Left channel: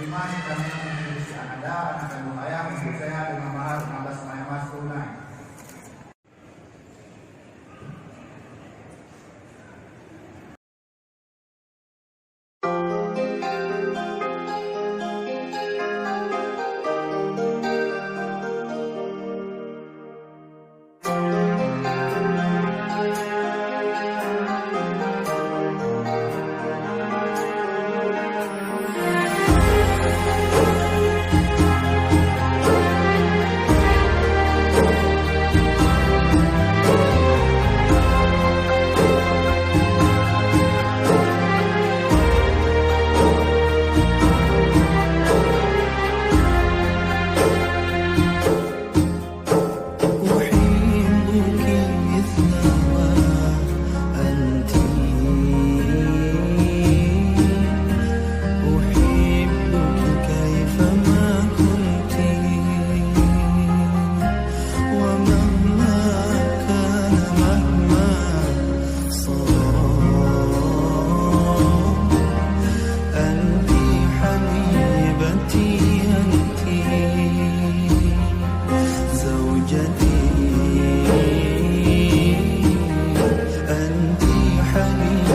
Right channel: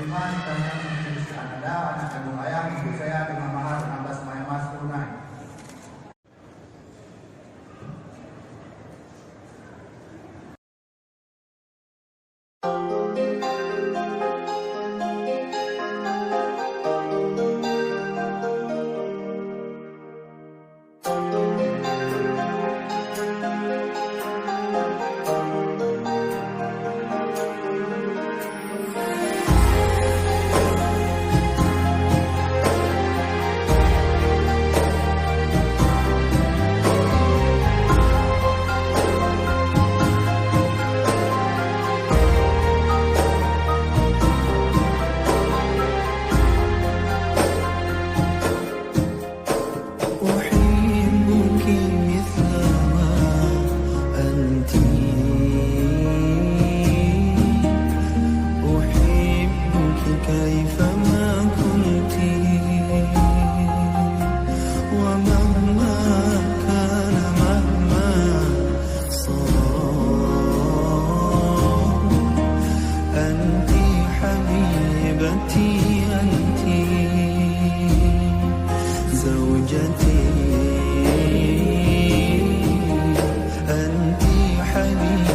Beriman kami Indonesia ada anak kandung ayah ibu saya dengan mahar 16 mai emas tunai. أحبك مثل ما أنت، أحبك كيفما كنت، ومهما كان مهما صار، أنت حبيبتي، أنت زوجتي، أنت حبيبتي.